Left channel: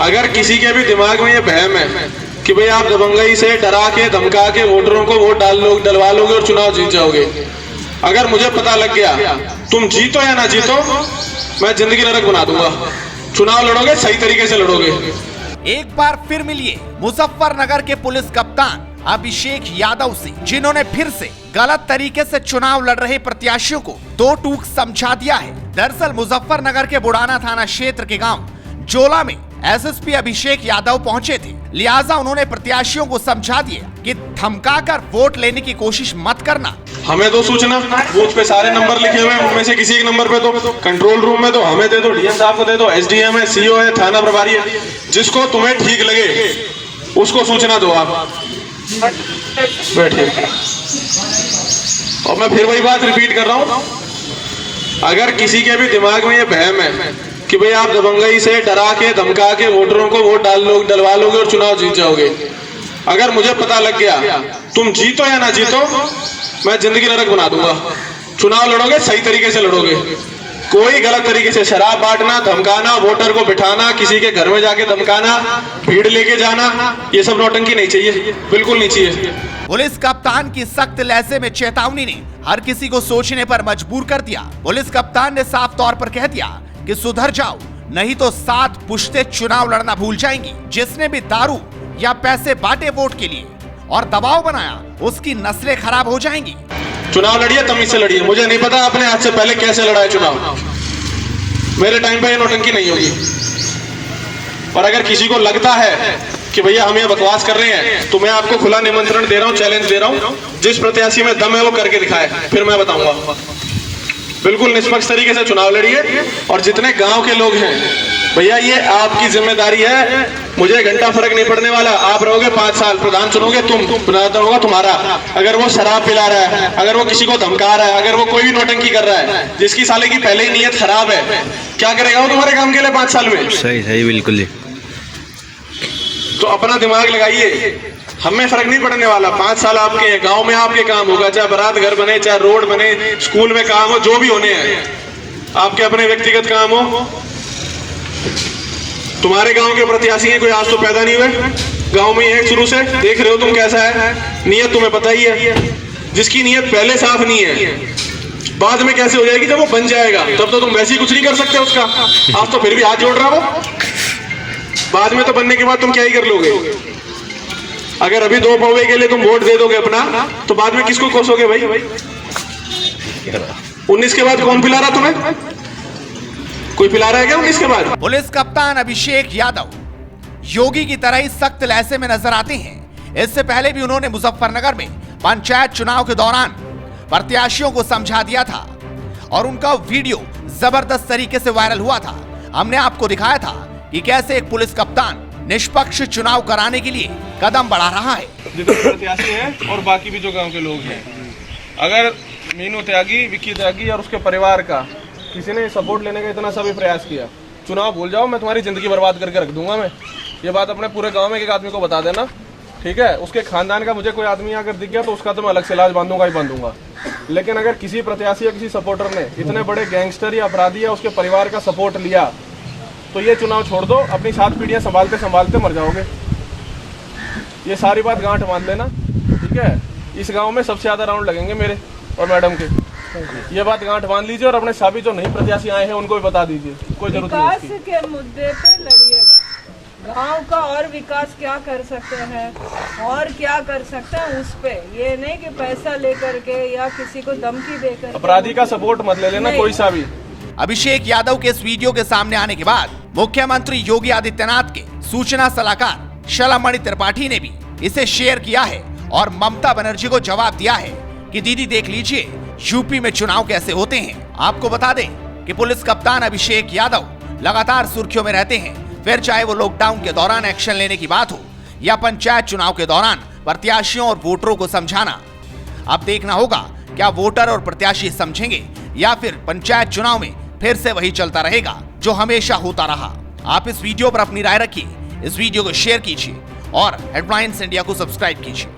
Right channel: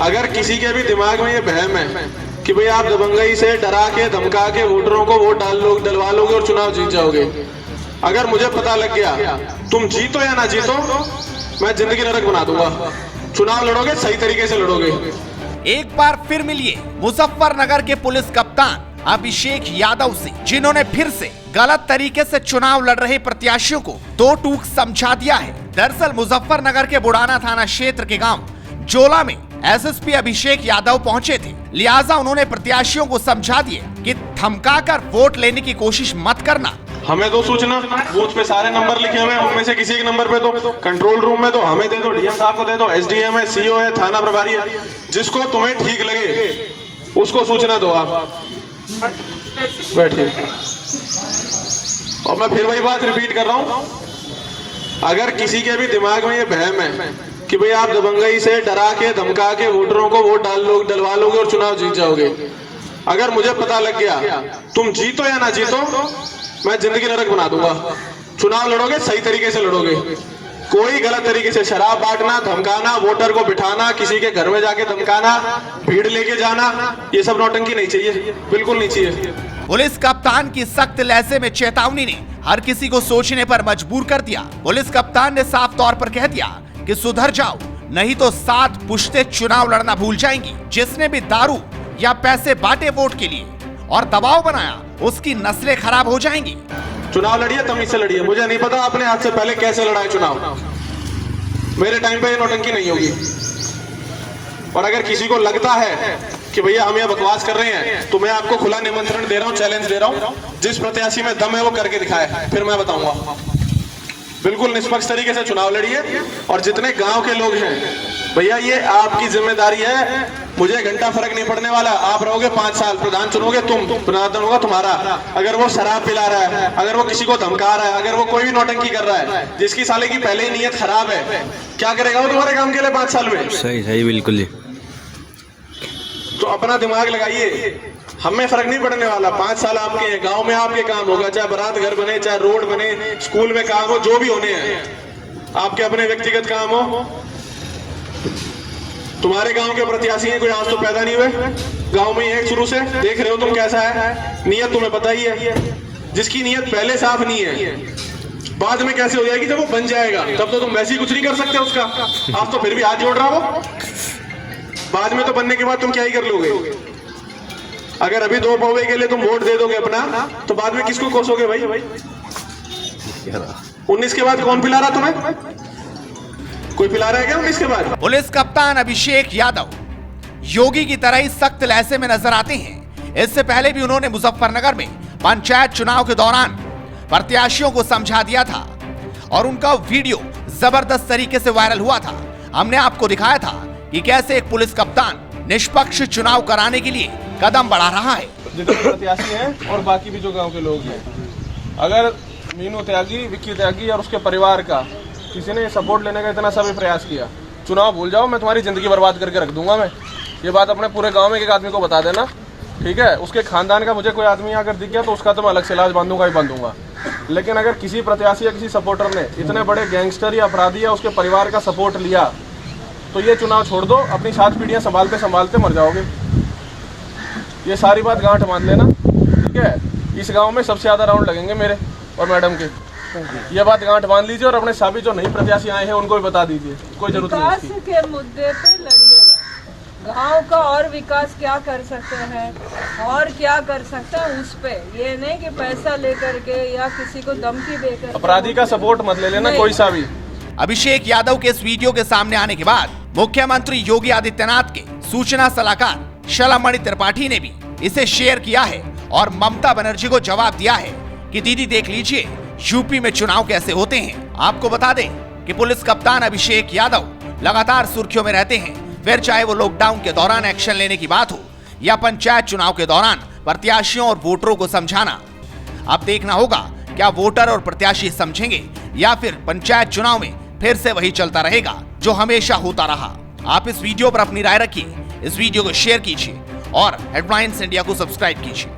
अगर किसी के भी दिमाग में ये वहम है कि भाई आप दबंगई से डरा के धमका के वोटरों को वोट डलवा लोगे और चुनाव जीत जाओगे, अगर मुझे पता लग गया तुम जीतो या ना जीतो, मैं जिंदगी नरक बना दूंगा। चुनाव लड़ोगे सही तरीके से लड़ोगे। एक बार फिर मिलिए मुजफ्फरनगर के पुलिस कप्तान अभिषेक यादव से, जिन्होंने फिर से गलत तरीके से चुनाव लड़ रहे प्रत्याशियों को दो टूक समझा दिया है। दरअसल मुजफ्फरनगर के बुढ़ाना थाना क्षेत्र के गांव जोला में एसएसपी अभिषेक यादव पहुंचे थे, लिहाजा उन्होंने प्रत्याशियों को समझा दिया कि धमकाकर वोट लेने की कोशिश मत करना। हमें तो सूचना बूथ पे सारे नंबर लिखे हुए हैं, उनमें से किसी एक नंबर पे तो कंट्रोल रूम में तो हमें दे दो, डीएम साहब को दे दो, एसडीएम है, सीओ है, थाना प्रभारी है, जिसको तुम्हें ठीक लगे उसको सूचना दो आप। बैठिए। और मैं फिर वही बात रिपीट कर रहा हूँ, अगर किसी के भी दिमाग में ये वहम है कि भाई आप दबंगई से डरा के धमका के वोटरों को वोट डलवा लोगे और चुनाव जीत जाओगे, अगर मुझे पता लग गया तुम जीतो या ना जीतो, मैं जिंदगी नरक बना दूंगा। चुनाव लड़ोगे सही तरीके से लड़ोगे। कोई गलत तरीके से शराब बांटना, धमकाना, वोटर को बिठाना, किसी के घर में जाके धमकाना, भीड़ लेके जाना, ये सब नौटंकी नहीं चाहिए, बिल्कुल नहीं चाहिए। पुलिस कप्तान की सख्त लहजे में चेतावनी ने हर किसी को सोचने पर मजबूर कर दिया। पुलिस कप्तान ने साफ तौर पर कह दिया कि सुधर जाओ, नहीं तो 7 पुश्ते चुनाव लड़ना भूल जाएंगी। जिसने भी दारू या पैसे बांटे वोट के लिए और दबाव बनाया, उसकी नस्लें खराब हो जाएंगी। चुनाव लड़िए, तमीज से लड़िए। मुझे नहीं पता आपने आज से पहले कैसे लड़ा है चुनाव, मेरे टाइम पे ये नौटंकी नहीं होगी। और अगर किसी को लगता है कि भैया हम ये बकवास कर रहे हैं, तो मैं आपको खुला निमंत्रण दे रहा हूँ, चैलेंज दे रहा हूँ, जिस प्रत्याशी में दम है वो करके दिखाए, फिर मैं बताऊंगा। बिल्कुल निष्पक्ष तरीके से चुनाव लड़िए। और जितने गांव के लोग हैं, भैया ये आपकी जिम्मेदारी है, मुझे घंटा फर्क नहीं पड़ने वाला। आप रहोगे 5 साल, प्रधान चुनोगे तुम, प्रधान होगा तुम्हारा। अगर वो शराब पिला रहा है, अगर वो किसी को धमका रहा है, अगर वो कोई भी नौटंकी कर रहा है, जिसकी साले की पहले ही नीयत खराब है, क्या करेगा वो तुम्हारे काम के लिए 5 साल में? सही सही, बिल्कुल। तो अपना दिमाग लगाइए, हमें फर्क नहीं पड़ने वाला। 5 साल आपके गांव में आपके काम होगा, चाहे बारात घर बने, चाहे रोड बने, स्कूल में काम हो, जो भी होने हैं, आपके अपने व्यक्तिगत काम हो। तुम्हारे गांव के प्रत्याशी हैं, कोई आज तो पैदा नहीं हुए, गांव में है शुरू से, देख रहे हो तुम कैसा है, नियत तुम्हें पता ही है। जिसकी नियत पहले साफ नहीं है, बाद में कैसे हो जाएगी? जब वो बन जाएगा तब तो तुम वैसे ही कुछ नहीं कर सकते उसका। आज तो फिर भी हाथ जोड़ रहा हो, बाद में तो बनने के बाद तुम क्या ही कर लोगे? अगर अभी 2 पौवे के लिए तुम वोट दे दोगे अपना, तो बाद में किसको कोसोगे भाई? 19 के बाद कौन पिला रहा तुम्हें? कोई पिला रहा है क्या 19 के बाद? पुलिस कप्तान अभिषेक यादव योगी की तरह ही सख्त लहजे में नजर आते हैं। इससे पहले भी उन्होंने मुजफ्फरनगर में पंचायत चुनाव के दौरान प्रत्याशियों को समझा दिया था और उनका वीडियो जबरदस्त तरीके से वायरल हुआ था। हमने आपको दिखाया था कि कैसे एक पुलिस कप्तान निष्पक्ष चुनाव कराने के लिए कदम बढ़ा रहा है। जितने प्रत्याशी हैं और बाकी भी जो गांव के लोग हैं, अगर मीनू त्यागी, विक्की त्यागी और उसके परिवार का किसी ने सपोर्ट लेने का इतना सा भी प्रयास किया, चुनाव भूल जाओ, मैं तुम्हारी जिंदगी बर्बाद करके रख दूंगा। मैं ये बात अपने पूरे गांव में एक आदमी को बता देना, ठीक है? उसके खानदान का मुझे कोई आदमी अगर दिख गया तो उसका तो मैं अलग से इलाज बांधूंगा ही बांधूंगा। लेकिन अगर किसी प्रत्याशी या किसी सपोर्टर ने इतने बड़े गैंगस्टर या अपराधी या उसके परिवार का सपोर्ट लिया, तो ये चुनाव छोड़ दो, अपनी 7 पीढ़ियां संभालते संभालते मर जाओगे। ये सारी बात गांठ मान लेना, ठीक है? इस गांव में सबसे ज्यादा राउंड लगेंगे मेरे और मैडम के, ये बात गांठ मान लीजिए। और अपने साबित जो नई प्रत्याशी आए हैं उनको भी बता दीजिए, कोई जरूरत नहीं। विकास के मुद्दे पे लड़िएगा, गांव का और विकास क्या कर सकते हैं और क्या कर सकते हैं उस पे, ये नहीं कि पैसा लेकर के या किसी को धमकी देकर। अपराधी का सपोर्ट मत ले लेना कोई सा भी। अभिषेक यादव के इस वीडियो के सामने आने के बाद मुख्यमंत्री योगी आदित्यनाथ के सूचना सलाहकार शलमणि त्रिपाठी ने भी इसे शेयर किया है और ममता बनर्जी को जवाब दिया है कि दीदी देख लीजिए यूपी में चुनाव कैसे होते हैं। आपको बता दें कि पुलिस कप्तान अभिषेक यादव लगातार सुर्खियों में रहते हैं, फिर चाहे वो लॉकडाउन के दौरान एक्शन लेने की बात हो या पंचायत चुनाव के दौरान प्रत्याशियों और वोटरों को समझाना। अब देखना होगा क्या वोटर और प्रत्याशी समझेंगे या फिर पंचायत चुनाव में फिर से वही चलता रहेगा जो हमेशा होता रहा। आप इस वीडियो पर अपनी राय रखिए, इस वीडियो को शेयर कीजिए और हेडलाइंस इंडिया को सब्सक्राइब कीजिए।